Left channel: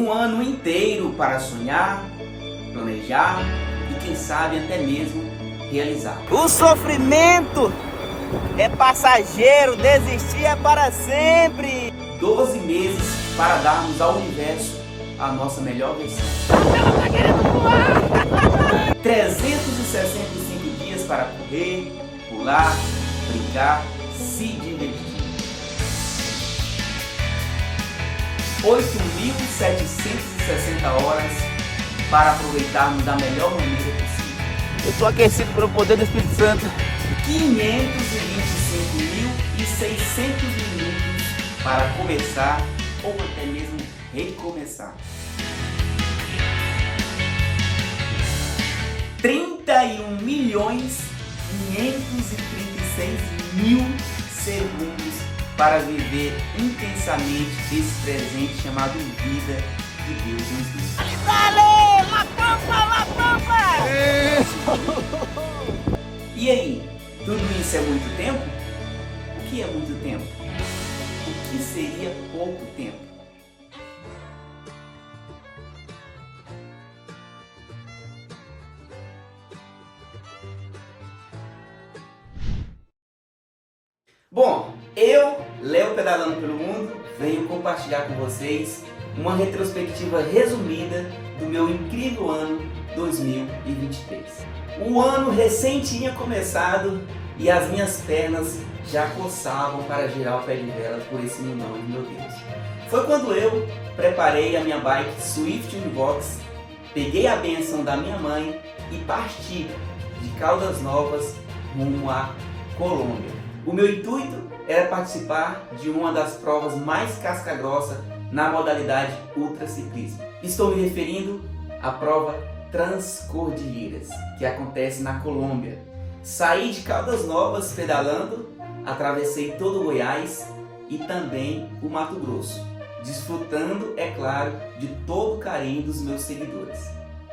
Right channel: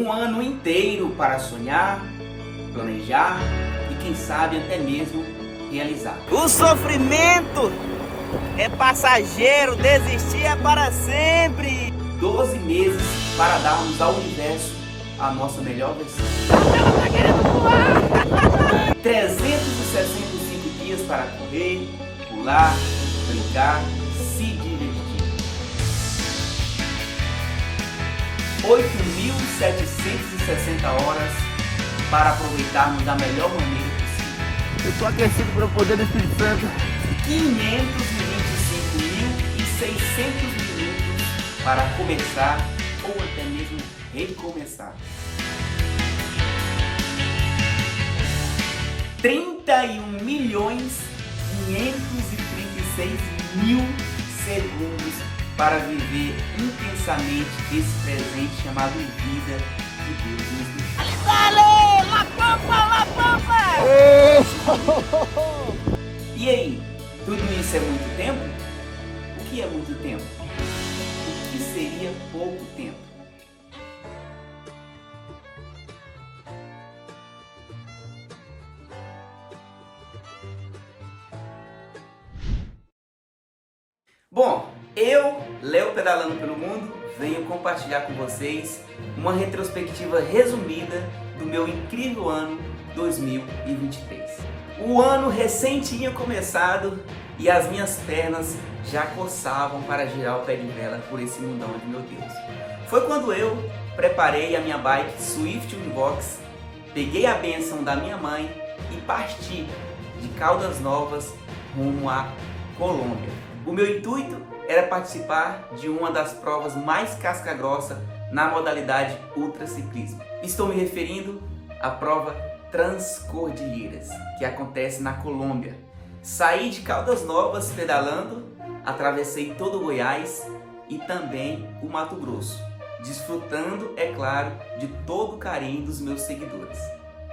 Um ano inteiro para sonhar, planejar e quem sabe até mesmo realizar. O sofrimento é passageiro, desistir é para sempre. 12 meses para darmos ao universo a nossa melhor versão. Ela tá querendo voar! 365 dias para correr, pular, brincar, se divertir. 8.760 horas para aproveitarmos da melhor maneira possível. Eu estou aquecido pelo poder do Espírito Santo. 525.600 minutos para começar ou até mesmo recomeçar. 31.536.000 segundos para viver intensamente esse presente chamado vida que Deus nos deu. Sale! La Pampa, La Pampa! E aí, tudo isso é muito tempo? O que é muito tempo? O que seria pouco tempo? Bom, eu, Léo Pedalando pelo Mundo, venho compartilhar com vocês uma retrospectiva resumida do meu incrível ano 2023. O ano recém tinha começado e as minhas pernas já coçavam para girar o pé de vela por esse mundão de meu Deus. Foi quando eu preparei a minha bike Swift Univox, peguei a bênção da minha mãe e parti de Caldas Novas rumo à Colômbia. O meu intuito era participar de uma das provas mais casca-grossa na modalidade ultraciclismo. Estou me referindo à prova Transcordilheiras, que acontece na Colômbia. Saí de Caldas Novas pedalando, atravessei todo o Goiás e também o Mato Grosso, desfrutando, é claro, de todo o carinho dos meus seguidores.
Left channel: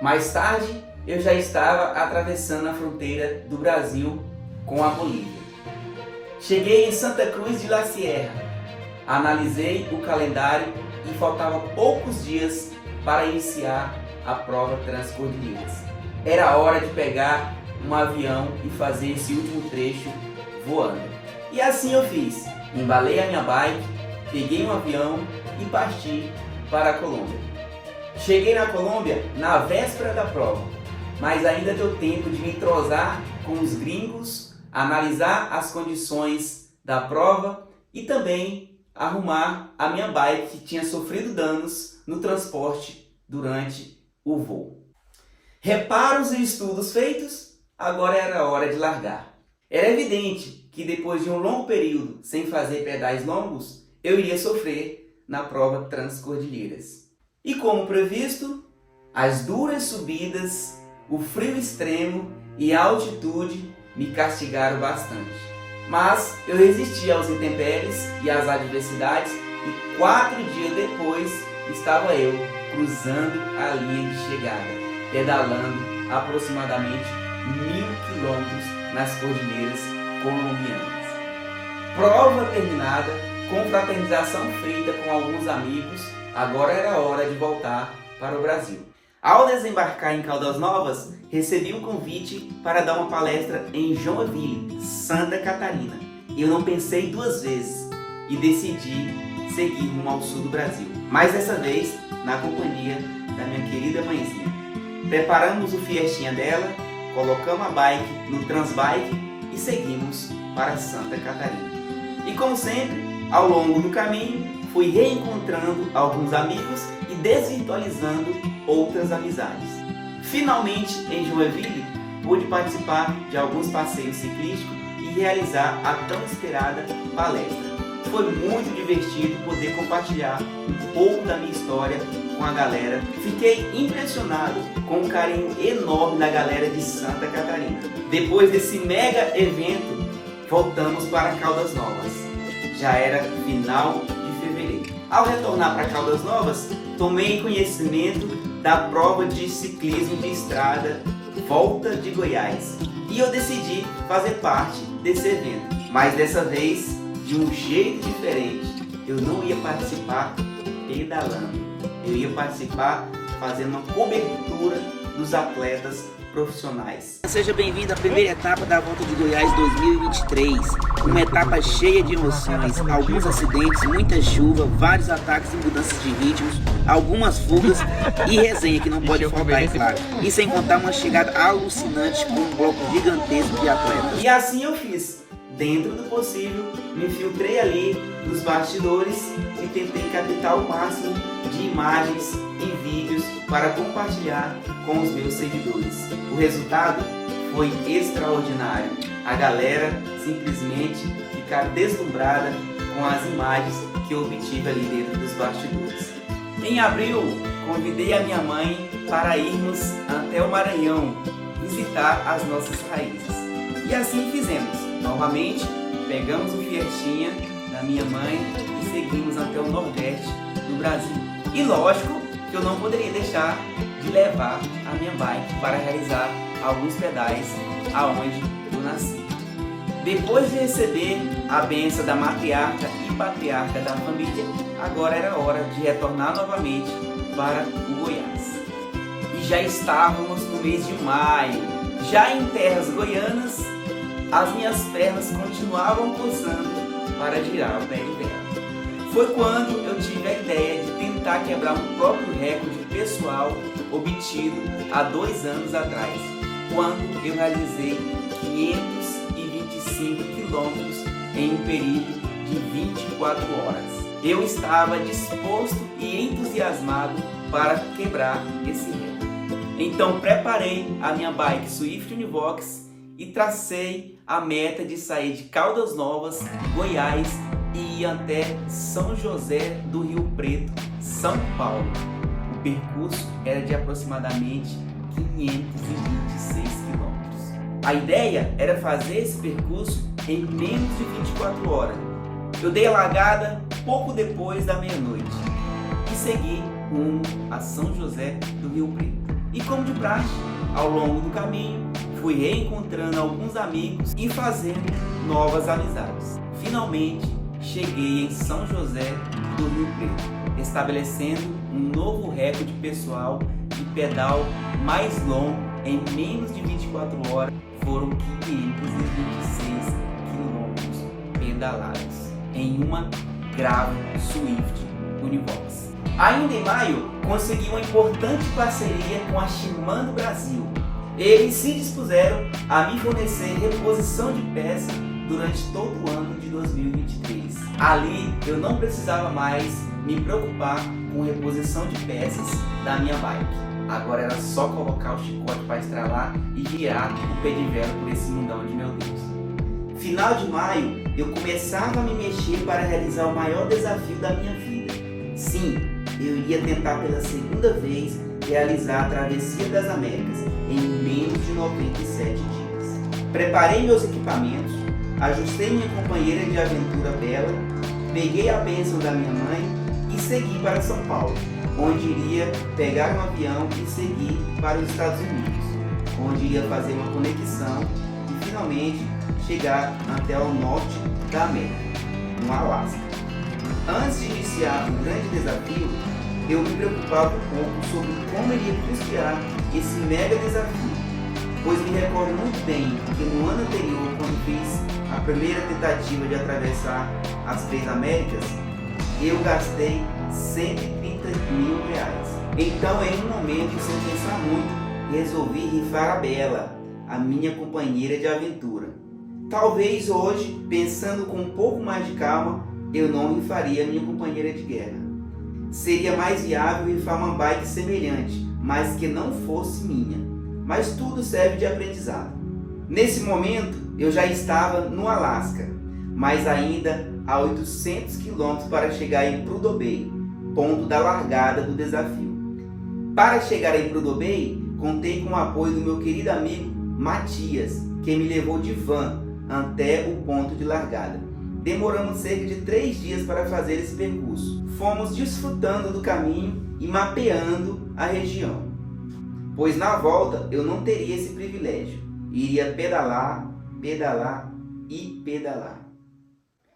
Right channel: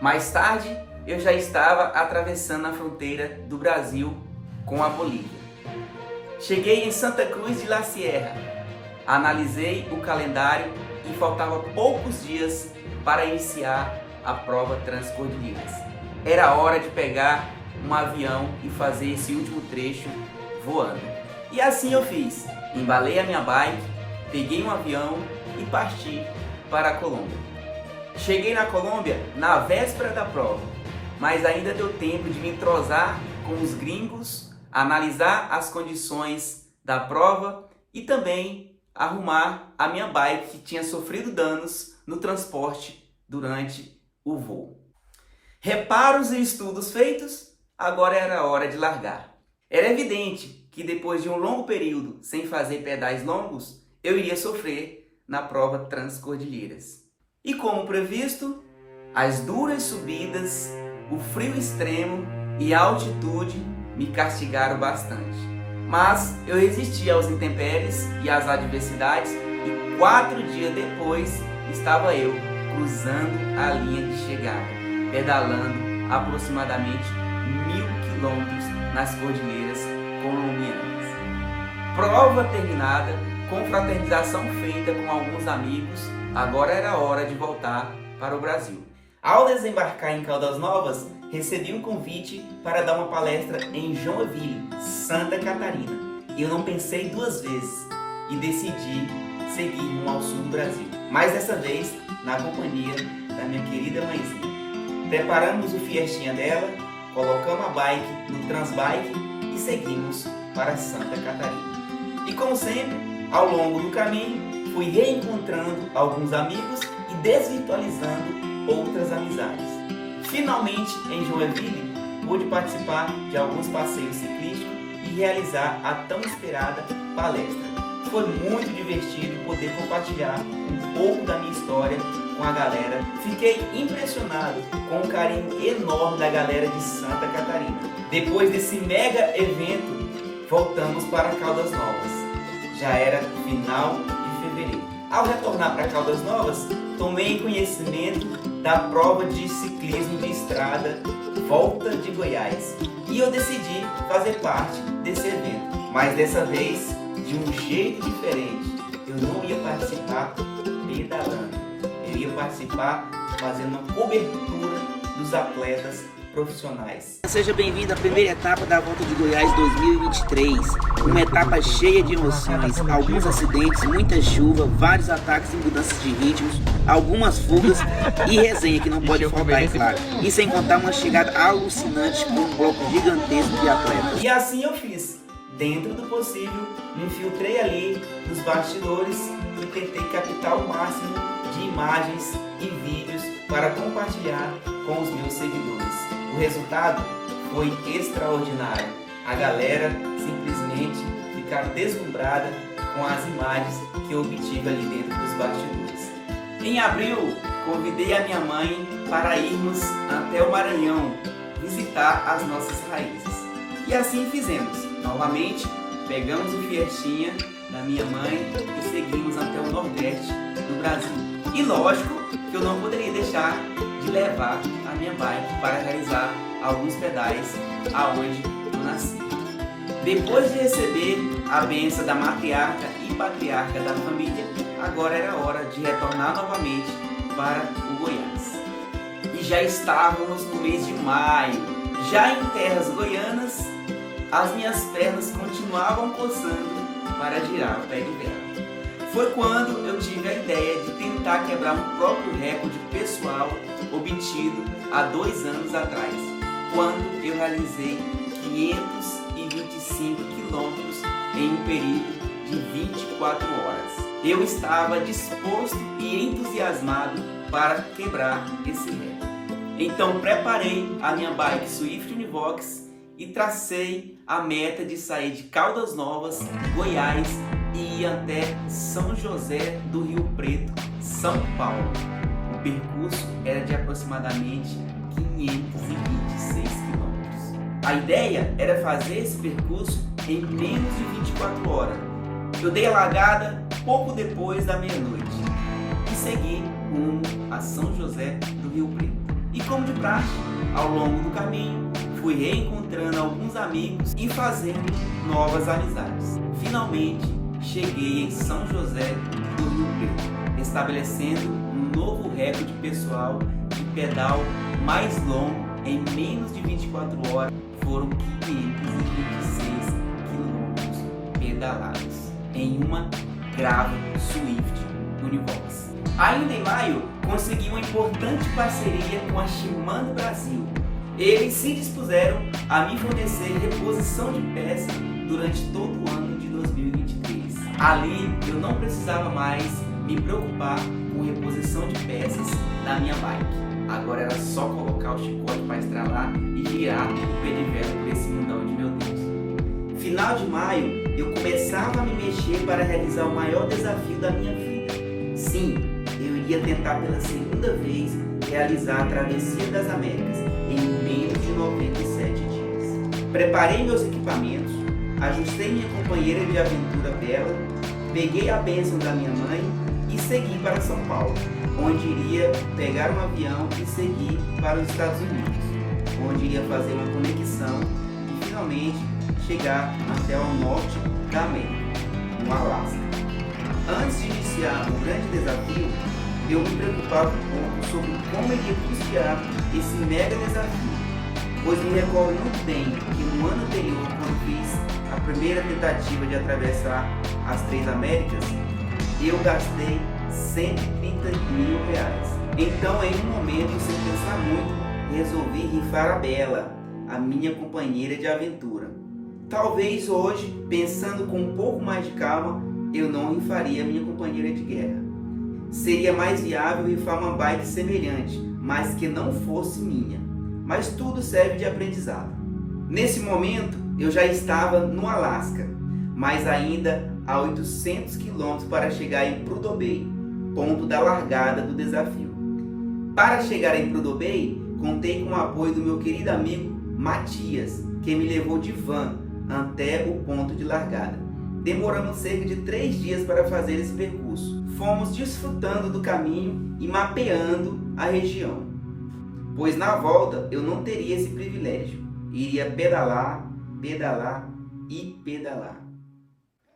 Mais tarde, eu já estava atravessando a fronteira do Brasil com a Bolívia. Cheguei em Santa Cruz de la Sierra, analisei o calendário e faltava poucos dias para iniciar a prova Transcordilheiras. Era hora de pegar um avião e fazer esse último trecho voando. E assim eu fiz, embalei a minha bike, peguei um avião e parti para a Colômbia. Cheguei na Colômbia na véspera da prova, mas ainda deu tempo de me entrosar com os gringos, analisar as condições da prova e também arrumar a minha bike que tinha sofrido danos no transporte durante o voo. Reparos e estudos feitos, agora era hora de largar. Era evidente que depois de um longo período sem fazer pedais longos, eu iria sofrer na prova Transcordilheiras. E como previsto, as duras subidas, o frio extremo e a altitude me castigaram bastante. Mas eu resisti aos intempéries e às adversidades e 4 dias depois estava eu cruzando a linha de chegada, pedalando aproximadamente 1.000 quilômetros nas cordilheiras colombianas. Prova terminada, confraternização feita com alguns amigos, agora era hora de voltar para o Brasil. Ao desembarcar em Caldas Novas, recebi um convite para dar uma palestra em Joinville, Santa Catarina. Eu não pensei duas vezes e decidi seguir rumo ao sul do Brasil, mas dessa vez na companhia da minha querida mãezinha. Preparamos o Fiestinha dela, colocamos a bike no Transbike e seguimos para Santa Catarina. E como sempre, ao longo do caminho, fui reencontrando alguns amigos e desvirtualizando outras amizades. Finalmente, em Joinville, pude participar de alguns passeios ciclísticos e realizar a tão esperada palestra. Foi muito divertido poder compartilhar um pouco da minha história com a galera. Fiquei impressionado com o carinho enorme da galera de Santa Catarina. Depois desse mega evento, voltamos para Caldas Novas. Já era final de fevereiro. Ao retornar para Caldas Novas, tomei conhecimento da prova de ciclismo de estrada Volta de Goiás e eu decidi fazer parte desse evento, mas dessa vez de um jeito diferente. Eu não ia participar pedalando, Eu ia participar fazendo uma cobertura dos atletas profissionais. Seja bem-vindo à primeira etapa da Volta de Goiás 2023. Uma etapa cheia de emoções, alguns acidentes, muita chuva, vários ataques e mudanças de ritmos, algumas fugas e resenha que não pode faltar, é claro. E sem contar uma chegada alucinante com um bloco gigantesco de atletas. E assim eu fiz. Dentro do possível, me infiltrei ali nos bastidores e tentei captar o máximo de imagens e vídeos para compartilhar com os meus seguidores. O resultado foi extraordinário. A galera simplesmente ficaram deslumbrada com as imagens que eu obtive ali dentro dos bastidores. Em abril, convidei a minha mãe para irmos até o Maranhão visitar as nossas raízes. E assim fizemos. Novamente, pegamos o Fiestinha da minha mãe e seguimos até o Nordeste do Brasil. E lógico que eu não poderia deixar de levar a minha bike para realizar alguns pedais aonde eu nasci. Depois de receber a bênção da matriarca e patriarca da família, agora era hora de retornar novamente para o Goiás. E já estávamos no mês de maio, já em terras goianas. As minhas pernas continuavam coçando para girar o pé de terra. Foi quando eu tive a ideia de tentar quebrar um próprio recorde pessoal obtido há 2 anos atrás, quando eu realizei 525 quilômetros em um período de 24 horas. Eu estava disposto e entusiasmado para quebrar esse recorde. Então preparei a minha bike Swift Univox e tracei a meta de sair de Caldas Novas, Goiás e ir até São José do Rio Preto, São Paulo. O percurso era de aproximadamente 526 quilômetros. A ideia era fazer esse percurso em menos de 24 horas. Eu dei a largada pouco depois da meia-noite e segui rumo a São José do Rio Preto. E como de praxe, ao longo do caminho, fui reencontrando alguns amigos e fazendo novas amizades. Finalmente, cheguei em São José do Rio Preto, estabelecendo um novo recorde pessoal de pedal mais longo em menos de 24 horas. Foram 526 quilômetros pedalados em uma Grava Swift Univox. Ainda em maio, consegui uma importante parceria com a Shimano Brasil. Eles se dispuseram a me fornecer reposição de peças durante todo o ano de 2023. Ali eu não precisava mais me preocupar com reposição de peças da minha bike. Agora era só colocar o chicote para estralar e girar o pé de vela por esse mundão de meu Deus. Final de maio eu começava a me mexer para realizar o maior desafio da minha vida. Sim, eu iria tentar pela segunda vez realizar a Travessia das Américas em menos de 97 dias. Preparei meus equipamentos, ajustei minha companheira de aventura Bela, peguei a bênção da minha mãe e segui para São Paulo, onde iria pegar um avião e seguir para os Estados Unidos, onde iria fazer uma conexão e finalmente chegar até o norte da América, no Alasca. Antes de iniciar um grande desafio, eu me preocupava um pouco sobre como iria custear esse mega desafio, pois me recordo muito bem que no ano anterior, quando fiz a primeira tentativa de atravessar as 3 Américas, eu gastei R$130 mil. Então, em um momento, sem pensar muito, resolvi rifar a Bela, a minha companheira de aventura. Talvez hoje, pensando com um pouco mais de calma, eu não rifaria a minha companheira de guerra. Seria mais viável rifar uma bike semelhante, mas que não fosse minha. Mas tudo serve de aprendizado. Nesse momento, eu já estava no Alasca, mas ainda a 800 km para chegar em Prudhoe Bay, ponto da largada do desafio. Para chegar em Prudhoe Bay, contei com o apoio do meu querido amigo Matias, que me levou de van até o ponto de largada. Demoramos cerca de 3 dias para fazer esse percurso. Fomos desfrutando do caminho e mapeando a região, pois na volta eu não teria esse privilégio. Iria pedalar, pedalar e pedalar.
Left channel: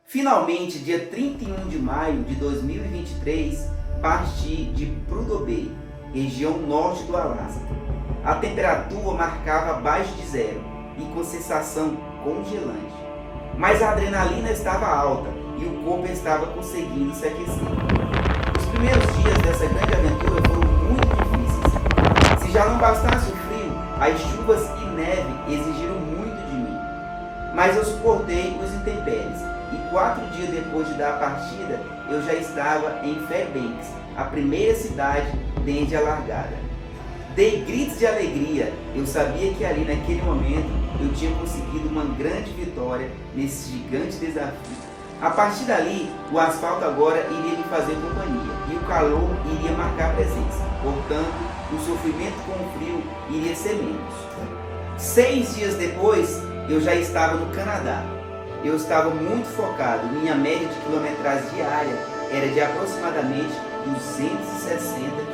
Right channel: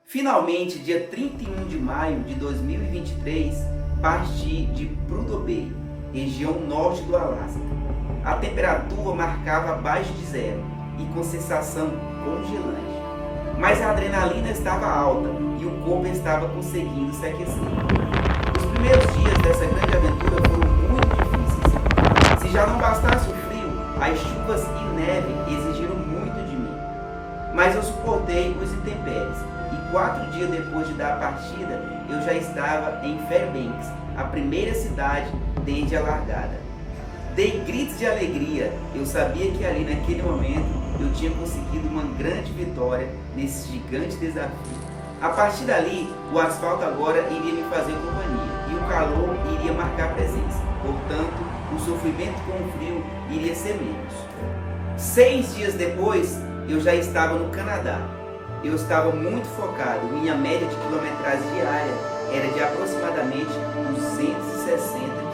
Finalmente, dia 31 de maio de 2023, parti de Prudhoe Bay, região norte do Alasca. A temperatura marcava abaixo de zero e com sensação congelante. Mas a adrenalina estava alta e o corpo estava conseguindo se aquecer. Os primeiros dias dessa grande aventura foram muito difíceis. Se já não bastasse o frio, as chuvas e neve exigiram muito de mim. Mas eu suportei os intempéries e 4 dias depois de dar a partida, eu já estava em Fairbanks, a primeira cidade desde a largada. Dei gritos de alegria, eu sabia que ali naquele momento eu tinha conseguido uma grande vitória nesse gigante desafio. A partir dali, o asfalto agora iria me fazer companhia e o calor iria marcar presença. Portanto, o sofrimento com o frio iria ser menos. 6 dias depois, eu já estava no Canadá. Eu estava muito focado, minha média de quilometragem diária era de aproximadamente 260 quilômetros.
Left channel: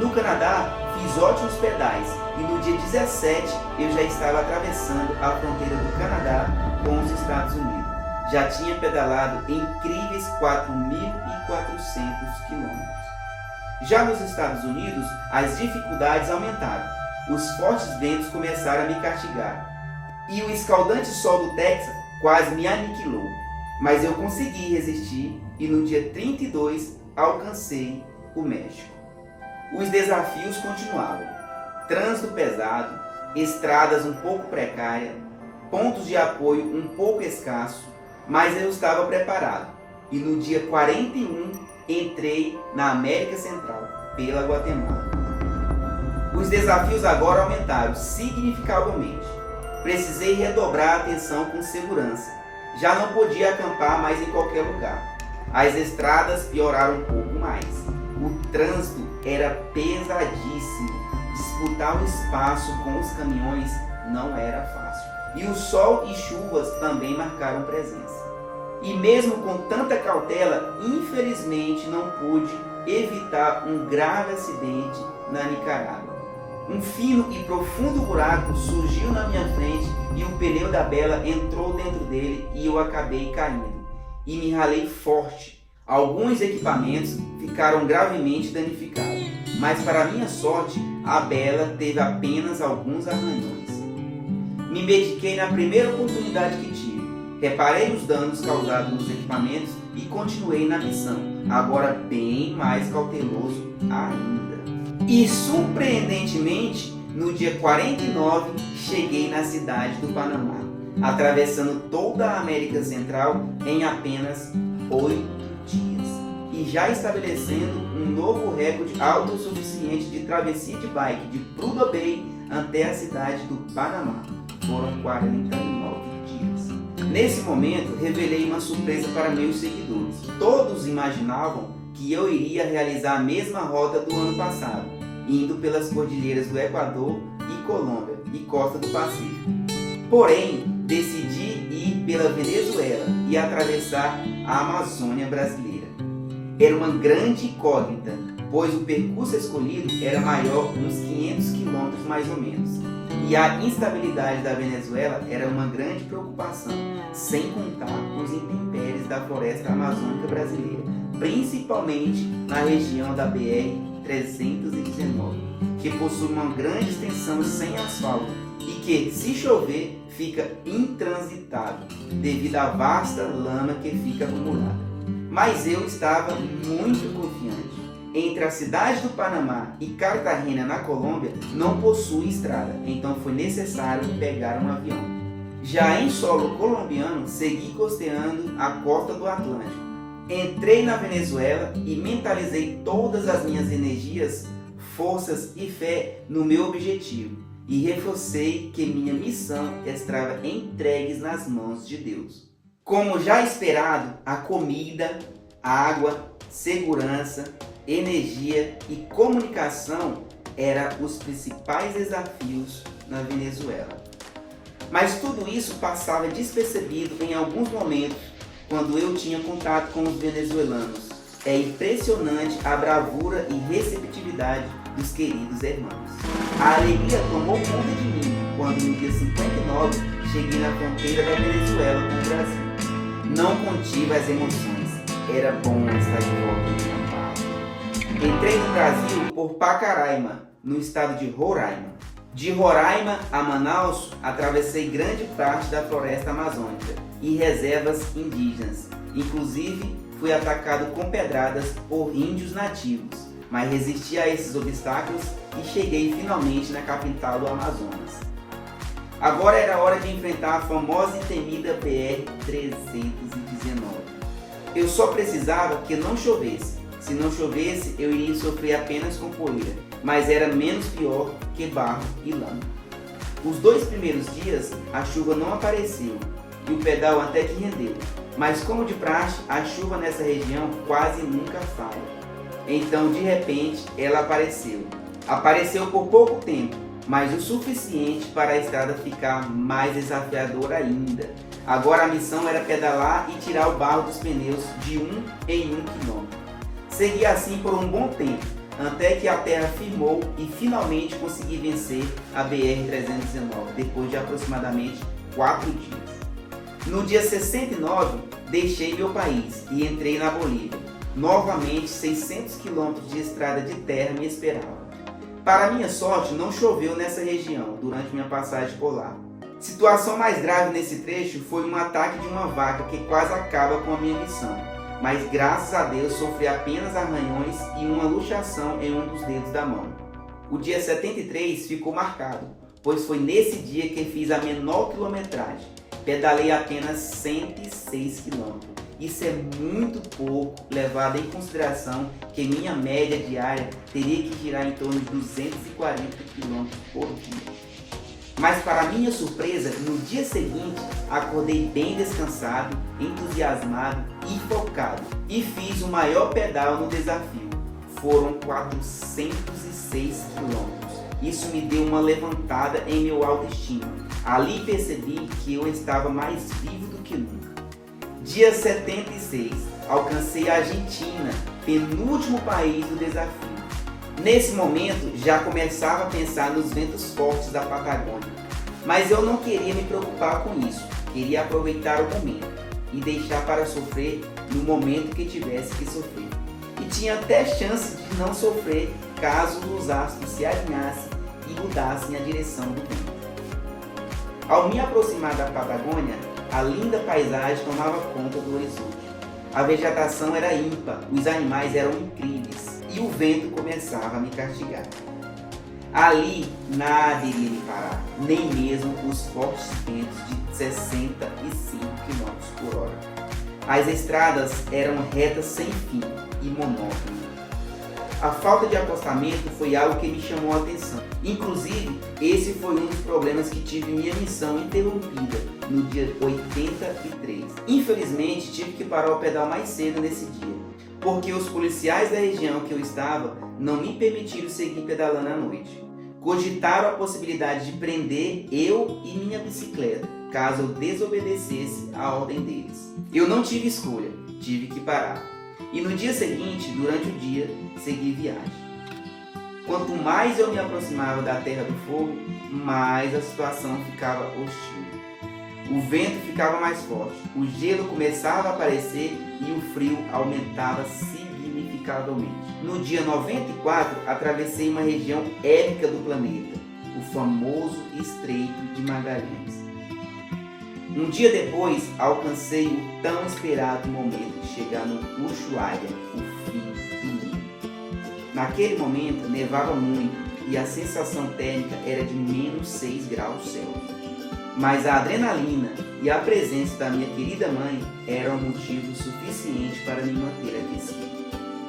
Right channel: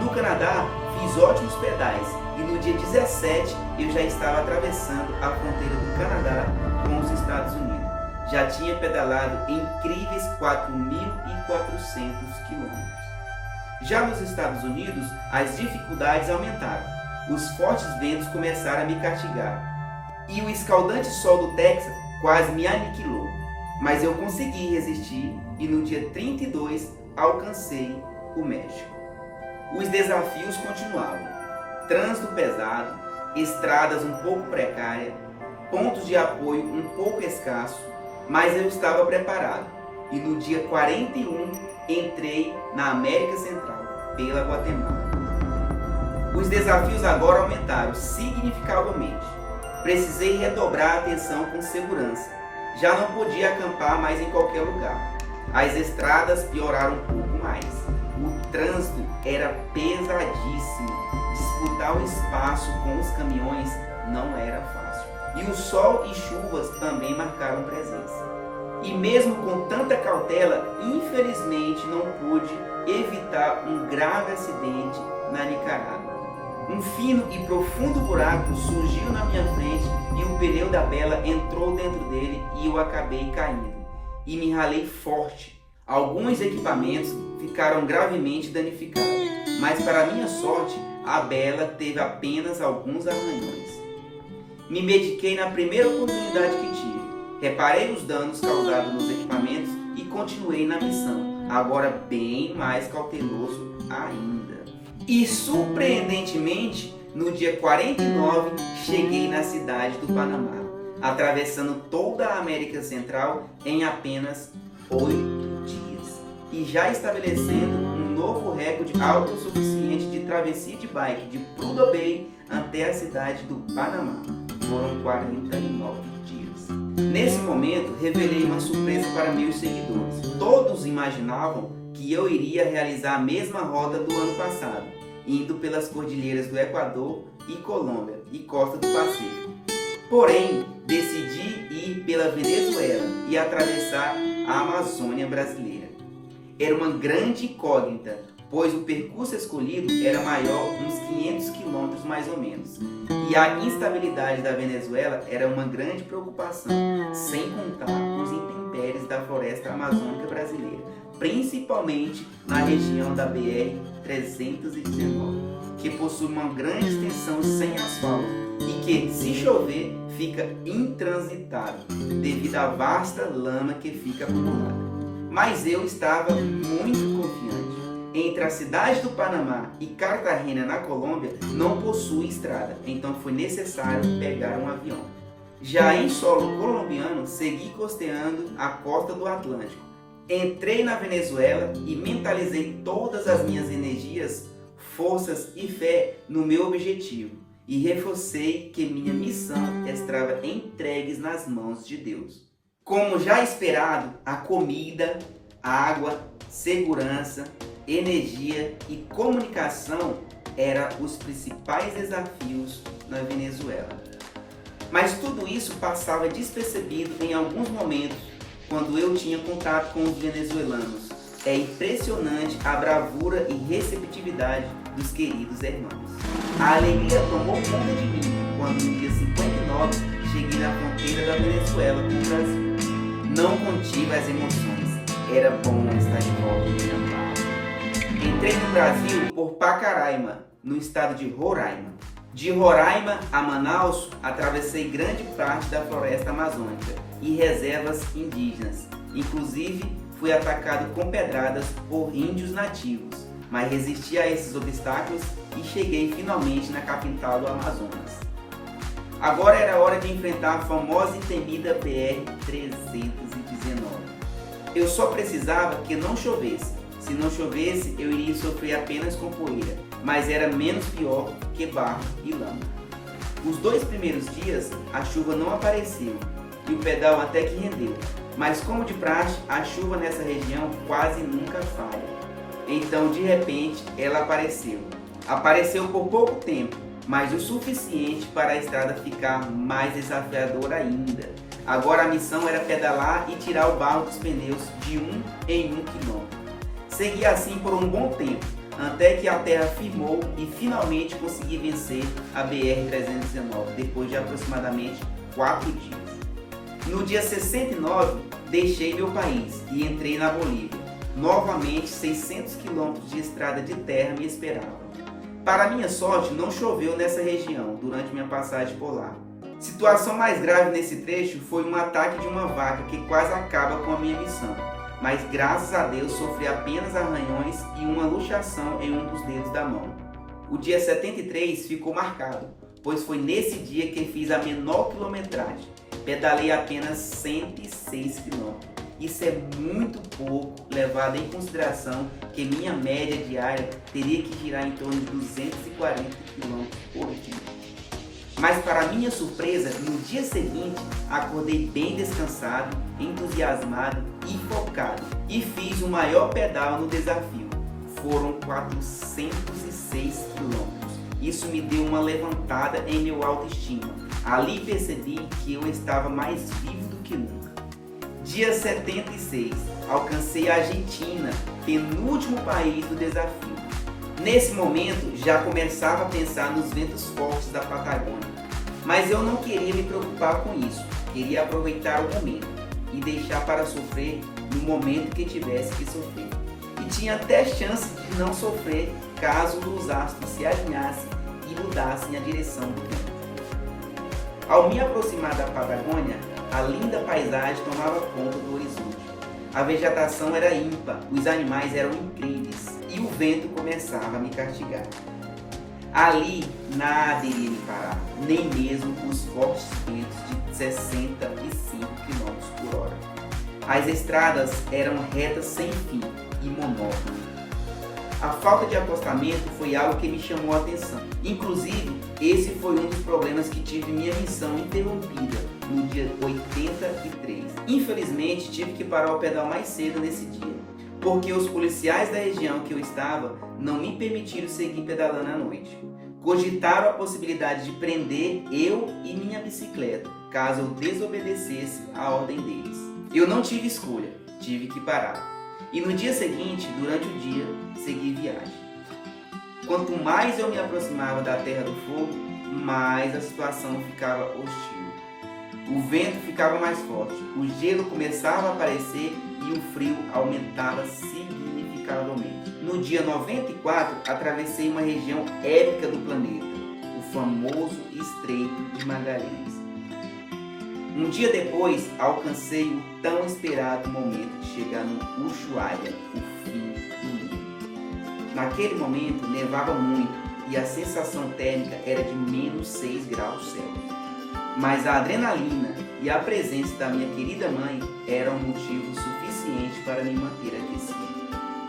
No Canadá, fiz ótimos pedais e no dia 17 eu já estava atravessando a fronteira do Canadá com os Estados Unidos. Já tinha pedalado incríveis 4.400 quilômetros. Já nos Estados Unidos, as dificuldades aumentaram. Os fortes ventos começaram a me castigar e o escaldante sol do Texas quase me aniquilou. Mas eu consegui resistir e no dia 32 alcancei o México. Os desafios continuavam. Trânsito pesado, estradas um pouco precárias, pontos de apoio um pouco escassos, mas eu estava preparado. E no dia 41 entrei na América Central, pela Guatemala. Os desafios agora aumentaram significativamente. Precisei redobrar a atenção com segurança. Já não podia acampar mais em qualquer lugar. As estradas pioraram um pouco mais. O trânsito era pesadíssimo. Disputar o espaço com os caminhões não era fácil. E o sol e chuvas também marcaram presença. E mesmo com tanta cautela, infelizmente não pude evitar um grave acidente na Nicarágua. Um fino e profundo buraco surgiu na minha frente e o pneu da Bela entrou dentro dele e eu acabei caindo. E me ralei forte. Alguns equipamentos ficaram gravemente danificados, mas para minha sorte, a Bela teve apenas alguns arranhões. Me mediquei na primeira oportunidade que tive. Reparei os danos causados nos equipamentos e continuei na missão, agora bem mais cauteloso ainda. E surpreendentemente, no dia 49, cheguei na cidade do Panamá, atravessando toda a América Central em apenas 8 dias e já estabelecendo um novo recorde autossuficiente de travessia de bike de Prudhoe Bay até a cidade do Panamá. Foram 49 dias. Nesse momento, revelei uma surpresa para meus seguidores. Todos imaginavam que eu iria realizar a mesma rota do ano passado, indo pelas cordilheiras do Equador e Colômbia e costa do Pacífico. Porém, decidi ir pela Venezuela e atravessar a Amazônia brasileira. Era uma grande incógnita, pois o percurso escolhido era maior, uns 500 quilômetros mais ou menos. E a instabilidade da Venezuela era uma grande preocupação, sem contar com os intempéries da floresta amazônica brasileira, principalmente na região da BR-319, que possui uma grande extensão sem asfalto e que, se chover, fica intransitável devido à vasta lama que fica acumulada. Mas eu estava muito confiante. Entre a cidade do Panamá e Cartagena, na Colômbia, não possui estrada, então foi necessário pegar um avião. Já em solo colombiano, segui costeando a costa do Atlântico. Entrei na Venezuela e mentalizei todas as minhas energias, forças e fé no meu objetivo. E reforcei que minha missão estava entregue nas mãos de Deus. Como já esperado, a comida, água, segurança, energia e comunicação eram os principais desafios na Venezuela. Mas tudo isso passava despercebido em alguns momentos quando eu tinha contato com os venezuelanos. É impressionante a bravura e receptividade dos queridos irmãos. A alegria tomou conta de mim quando no dia 59 cheguei na fronteira da Venezuela com o Brasil. Não contive as emoções. Era bom estar de volta em minha paz. Entrei no Brasil por Pacaraima, no estado de Roraima. De Roraima a Manaus, atravessei grande parte da floresta amazônica e reservas indígenas. Inclusive, fui atacado com pedradas por índios nativos, mas resisti a esses obstáculos e cheguei finalmente na capital do Amazonas. Agora era hora de enfrentar a famosa e temida BR-319. Eu só precisava que não chovesse. Se não chovesse, eu iria sofrer apenas com poeira, mas era menos pior que barro e lama. Os 2 primeiros dias, a chuva não apareceu e o pedal até que rendeu, mas como de praxe, a chuva nessa região quase nunca falha. Então, de repente, ela apareceu. Apareceu por pouco tempo, mas o suficiente para a estrada ficar mais desafiadora ainda. Agora a missão era pedalar e tirar o barro dos pneus de 1 em 1 quilômetro. Segui assim por um bom tempo, até que a terra firmou e finalmente consegui vencer a BR-319, depois de aproximadamente 4 dias. No dia 69, deixei meu país e entrei na Bolívia. Novamente, 600 quilômetros de estrada de terra me esperavam. Para minha sorte, não choveu nessa região durante minha passagem por lá. Situação mais grave nesse trecho foi um ataque de uma vaca que quase acaba com a minha missão. Mas graças a Deus sofri apenas arranhões e uma luxação em um dos dedos da mão. O dia 73 ficou marcado, pois foi nesse dia que fiz a menor quilometragem. Pedalei apenas 106 km. Isso é muito pouco, levado em consideração que minha média diária teria que girar em torno de 240 km por dia. Mas para minha surpresa, no dia seguinte, acordei bem descansado, entusiasmado e focado. E fiz o maior pedal no desafio. Foram 406 km. Isso me deu uma levantada em meu autoestima. Ali percebi que eu estava mais vivo do que nunca. Dia 76, alcancei a Argentina, penúltimo país do desafio. Nesse momento, já começava a pensar nos ventos fortes da Patagônia. Mas eu não queria me preocupar com isso. Queria aproveitar o momento e deixar para sofrer no momento que tivesse que sofrer. E tinha até chance de não sofrer caso os astros se alinhassem e mudassem a direção do vento. Ao me aproximar da Patagônia, a linda paisagem tomava conta do horizonte. A vegetação era ímpar, os animais eram incríveis e o vento começava a me castigar. Ali nada iria me parar, nem mesmo os fortes ventos de 65 km por hora. As estradas eram retas sem fim e monótonas. A falta de acostamento foi algo que me chamou a atenção. Inclusive, esse foi um dos problemas que tive minha missão interrompida no dia 83. Infelizmente, tive que parar o pedal mais cedo nesse dia, porque os policiais da região que eu estava não me permitiram seguir pedalando à noite. Cogitaram a possibilidade de prender eu e minha bicicleta, caso eu desobedecesse a ordem deles. Eu não tive escolha, tive que parar. E no dia seguinte, durante o dia, segui viagem. Quanto mais eu me aproximava da Terra do Fogo, mais a situação ficava hostil. O vento ficava mais forte, o gelo começava a aparecer e o frio aumentava significativamente. No dia 94, atravessei uma região épica do planeta, o famoso Estreito de Magalhães. Um dia depois, alcancei o tão esperado momento de chegar no Ushuaia, o fim do mundo. Naquele momento, nevava muito e a sensação térmica era de menos 6 graus Celsius. Mas a adrenalina e a presença da minha querida mãe eram motivo suficiente para me manter aquecido.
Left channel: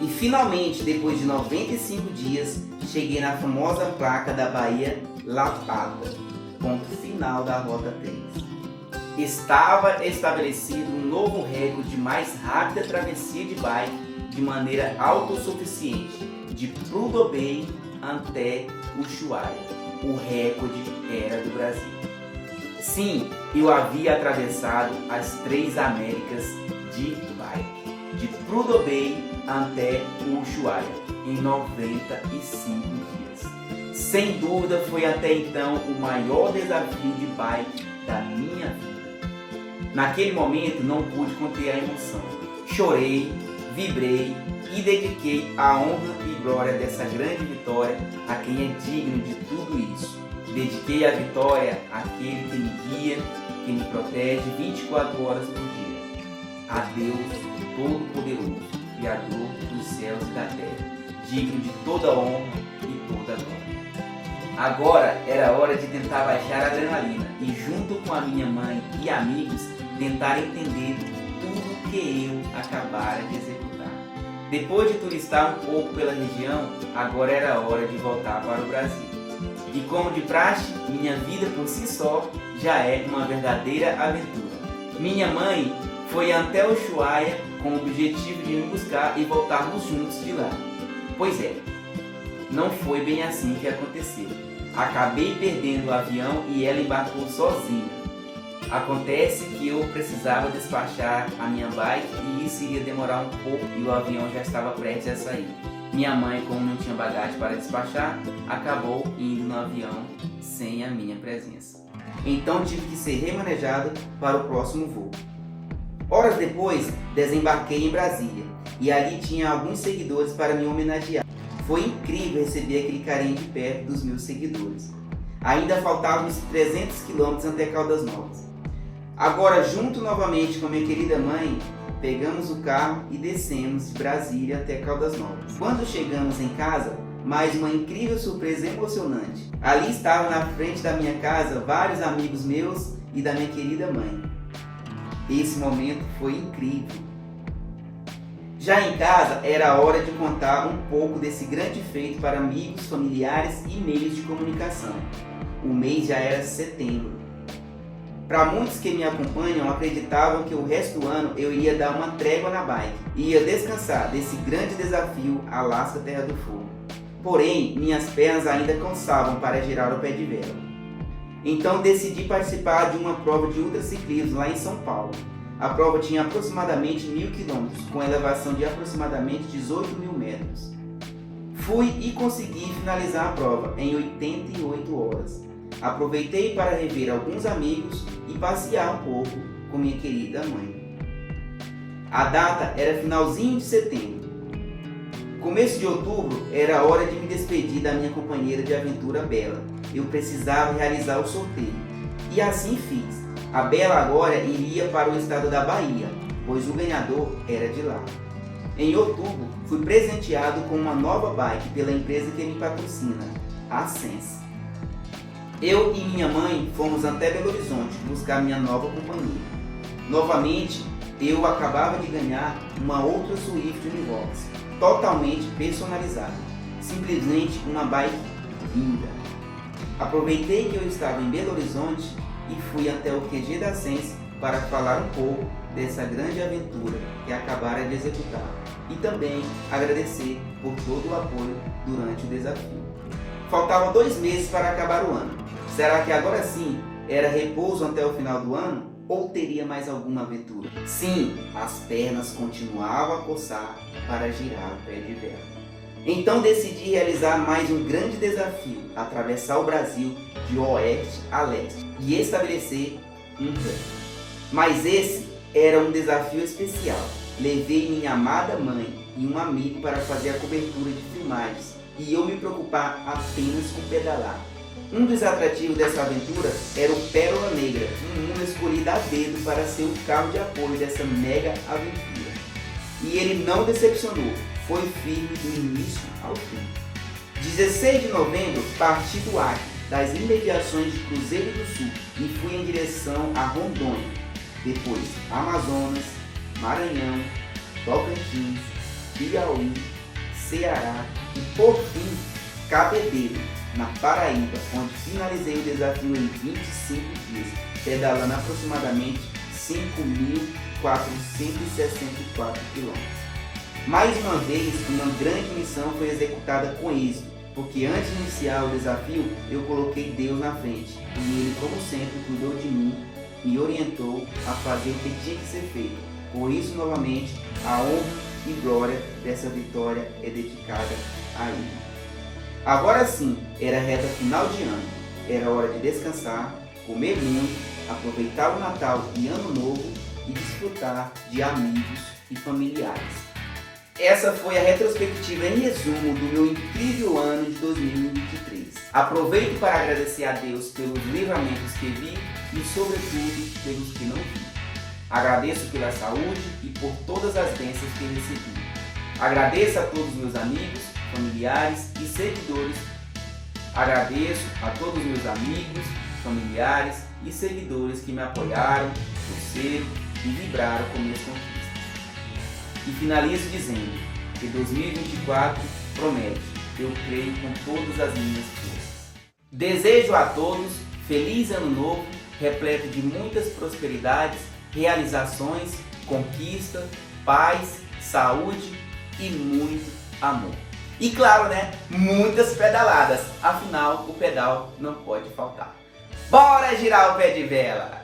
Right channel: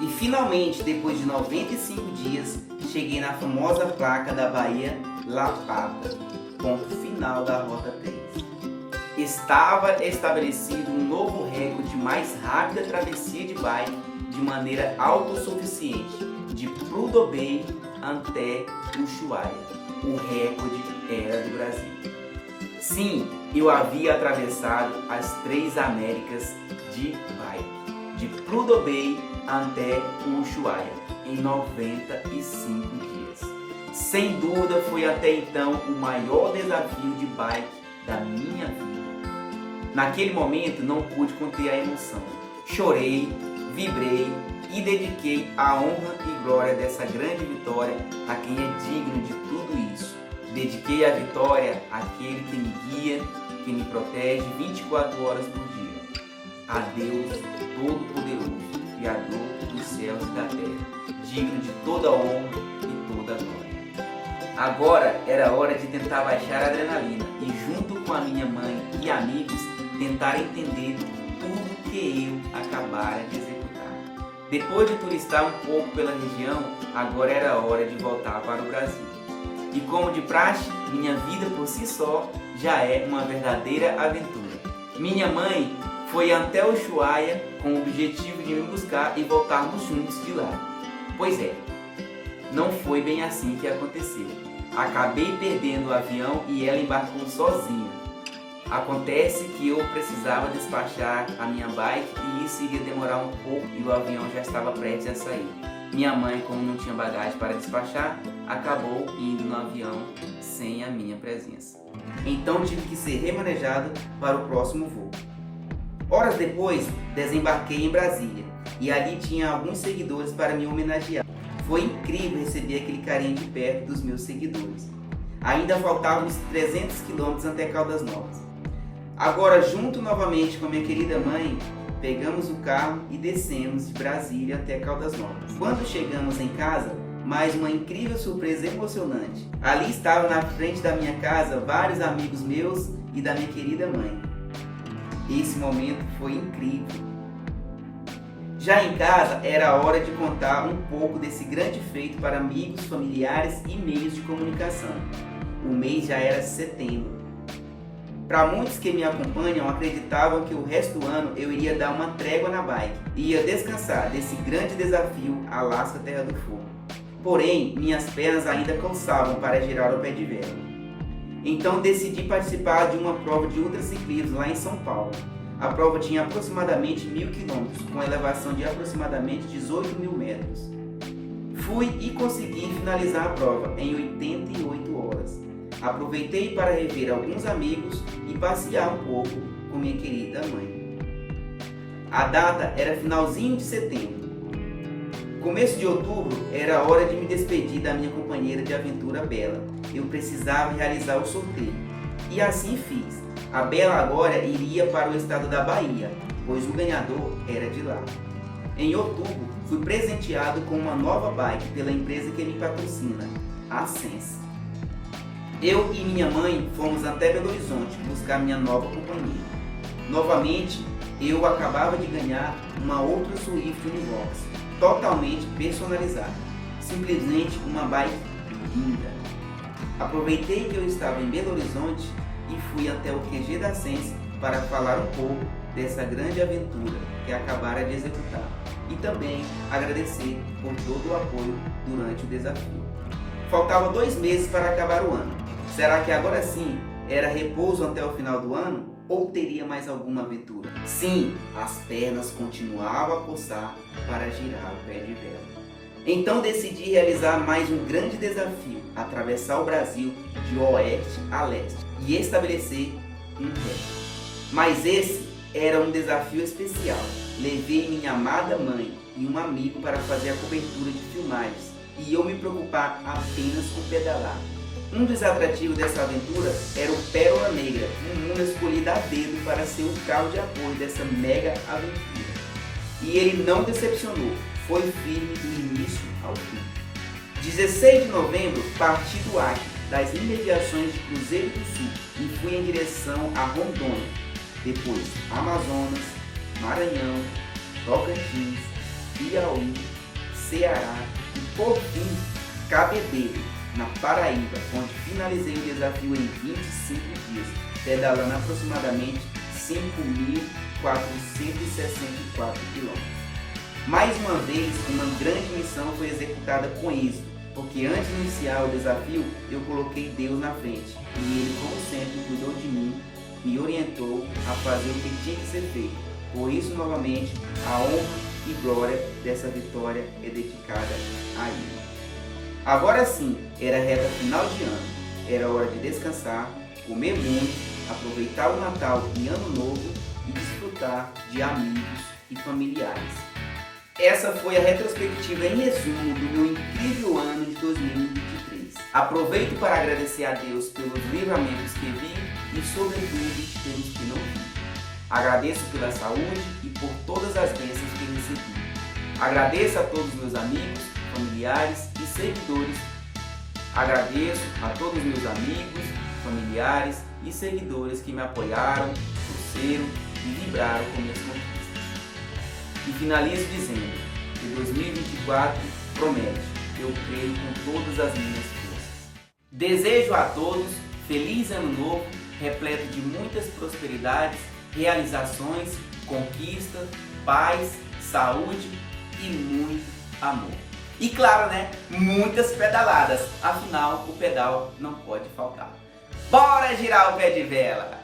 E finalmente, depois de 95 dias, cheguei na famosa placa da Baía La Pata, ponto final da Rota 3. Estava estabelecido um novo recorde de mais rápida travessia de bike de maneira autossuficiente, de Prudhoe Bay até Ushuaia. O recorde era do Brasil. Sim, eu havia atravessado as 3 Américas de bike, de Prudhoe Bay até Ushuaia, em 95 dias. Sem dúvida, foi até então o maior desafio de bike da minha vida. Naquele momento não pude conter a emoção. chorei, vibrei e dediquei a honra e glória dessa grande vitória a quem é digno de tudo isso. Dediquei a vitória àquele que me guia, que me protege 24 horas por dia. A Deus Todo-Poderoso, Criador dos céus e da terra, digno de toda honra e toda glória. Agora era hora de tentar baixar a adrenalina e, junto com a minha mãe e amigos, tentar entender tudo que eu acabara de executar. Depois de turistar um pouco pela região, agora era hora de voltar para o Brasil. E como de praxe, minha vida por si só já é uma verdadeira aventura. Minha mãe foi até Ushuaia com o objetivo de me buscar e voltarmos juntos de lá. Pois é, não foi bem assim que aconteceu. Acabei perdendo o avião e ela embarcou sozinha. Acontece que eu precisava despachar a minha bike e isso iria demorar um pouco e o avião já estava prestes a sair. Minha mãe, como não tinha bagagem para despachar, acabou indo no avião sem a minha presença. Então tive que ser remanejado para o próximo voo. Horas depois, desembarquei em Brasília e ali tinha alguns seguidores para me homenagear. Foi incrível receber aquele carinho de perto dos meus seguidores. Ainda faltavam uns 300 quilômetros até Caldas Novas. Agora, junto novamente com minha querida mãe, pegamos o carro e descemos de Brasília até Caldas Novas. Quando chegamos em casa, mais uma incrível surpresa emocionante. Ali estavam na frente da minha casa vários amigos meus e da minha querida mãe. Esse momento foi incrível. Já em casa, era hora de contar um pouco desse grande feito para amigos, familiares e meios de comunicação. O mês já era setembro. Para muitos que me acompanham, acreditavam que o resto do ano eu iria dar uma trégua na bike e ia descansar desse grande desafio Alasca Terra do Fogo. Porém, minhas pernas ainda cansavam para girar o pé de vela. Então decidi participar de uma prova de ultraciclismo lá em São Paulo. A prova tinha aproximadamente 1.000 quilômetros, com elevação de aproximadamente 18.000 metros. Fui e consegui finalizar a prova em 88 horas. Aproveitei para rever alguns amigos e passear um pouco com minha querida mãe. A data era finalzinho de setembro. Começo de outubro era hora de me despedir da minha companheira de aventura Bela. Eu precisava realizar o sorteio. E assim fiz. A Bela agora iria para o estado da Bahia, pois o ganhador era de lá. Em outubro, fui presenteado com uma nova bike pela empresa que me patrocina, a Sense. Eu e minha mãe fomos até Belo Horizonte buscar minha nova companhia. Novamente, eu acabava de ganhar uma outra Swift Univox, totalmente personalizada. Simplesmente uma bike linda. Aproveitei que eu estava em Belo Horizonte e fui até o QG da Sense para falar um pouco dessa grande aventura que acabara de executar e também agradecer por todo o apoio durante o desafio. Faltava 2 meses para acabar o ano. Será que agora sim era repouso até o final do ano ou teria mais alguma aventura? Sim, as pernas continuavam a coçar para girar o pé de vela. Então decidi realizar mais um grande desafio, atravessar o Brasil de oeste a leste e estabelecer um recorde. Mas esse era um desafio especial. Levei minha amada mãe e um amigo para fazer a cobertura de filmagens e eu me preocupar apenas com pedalar. Um dos atrativos dessa aventura era o Pérola Negra, um mundo escolhido a dedo para ser o carro de apoio dessa mega aventura. E ele não decepcionou, foi firme do início ao fim. 16 de novembro, parti do Acre, das imediações de Cruzeiro do Sul e fui em direção a Rondônia, depois Amazonas, Maranhão, Tocantins, Piauí, Ceará e por fim Cabedelo, na Paraíba, onde finalizei o desafio em 25 dias, pedalando aproximadamente 5.464 km. Mais uma vez, uma grande missão foi executada com êxito, porque antes de iniciar o desafio, eu coloquei Deus na frente, e Ele, como sempre, cuidou de mim, me orientou a fazer o que tinha que ser feito. Por isso, novamente, a honra e glória dessa vitória é dedicada a Ele. Agora sim, era reta final de ano, era hora de descansar, comer muito, aproveitar o Natal e Ano Novo e desfrutar de amigos e familiares. Essa foi a retrospectiva em resumo do meu incrível ano de 2023. Aproveito para agradecer a Deus pelos livramentos que vi e, sobretudo, pelos que não vi. Agradeço pela saúde e por todas as bênçãos que recebi. Agradeço a todos meus amigos, familiares e seguidores. Agradeço a todos meus amigos, familiares e seguidores que me apoiaram, torceram e vibraram com minhas conquistas. E finalizo dizendo que 2024 promete, eu creio com todas as minhas forças. Desejo a todos feliz ano novo, repleto de muitas prosperidades, realizações, conquista, paz, saúde e muito amor. E claro, né, muitas pedaladas, afinal o pedal não pode faltar. Bora girar o pé de vela!